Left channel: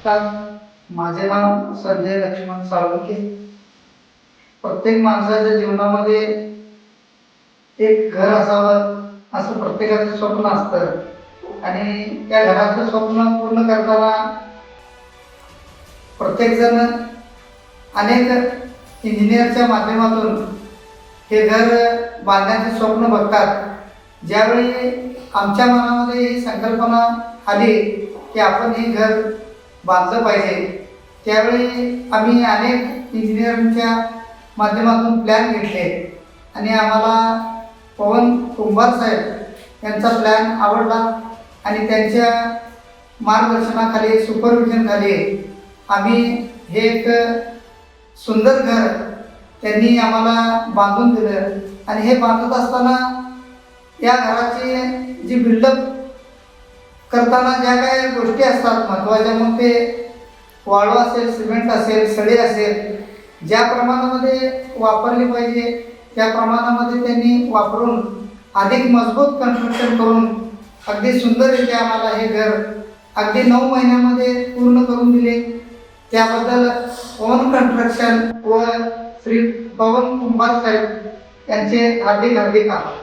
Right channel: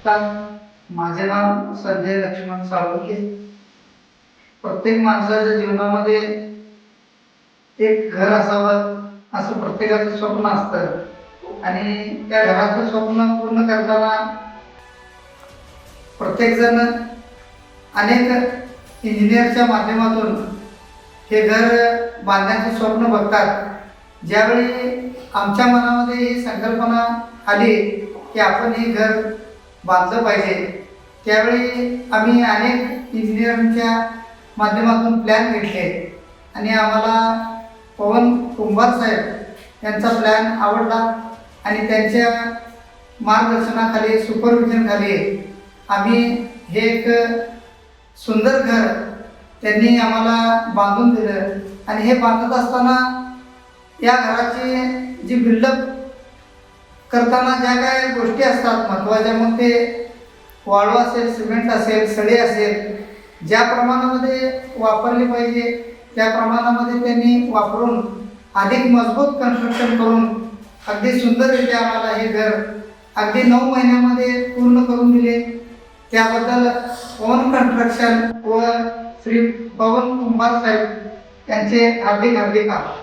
नमस्कार. माझे नाव संजय लक्ष्मण साळुंखे. प्रत्येक माणसाच्या जीवनामध्ये एक घर असावं असं प्रत्येकाचं स्वप्न असतं आणि त्या घराचं स्वप्न पूर्ण करताना प्रत्येकजण अनेक इंजिनियरच्या माध्यमातून हे घर बांधण्याचे स्वप्न बघतात. ज्यावेळी आमच्या मनामध्ये ही संकल्पना आली की आपण हे घर बांधलं पाहिजे, त्यावेळी आम्ही अनेक इंजिनियरच्या माध्यमातून प्लॅन घेतले आणि आम्हाला पवन कुंभार साहेब यांचा प्लॅन आवडला आणि त्यांच्या मार्गदर्शनाखाली सुपरविजनखाली आम्ही हे एक सुंदर घर त्यांनी आम्हाला बांधून दिलं. आणि हे बांधत असताना या घराची जी बिल्डअप करताना ज्या काही गोष्टी असतात महत्त्वाच्या, मग ते वाळू असेल, सिमेंट असेल, सळी असेल, ज्या प्रमाणामध्ये वापरली पाहिजे त्या प्रमाणामध्ये त्यांनी वापरून अधिक मजबूत कन्स्ट्रक्शन करून अगदी सुंदररित्या आम्हाला हे घर अगदी 9 महिन्यामध्ये पूर्ण करून दिले. त्याबद्दल पवन कन्स्ट्रक्शन व श्री पवन कुंभार साहेब यांचे हार्दिक आभार.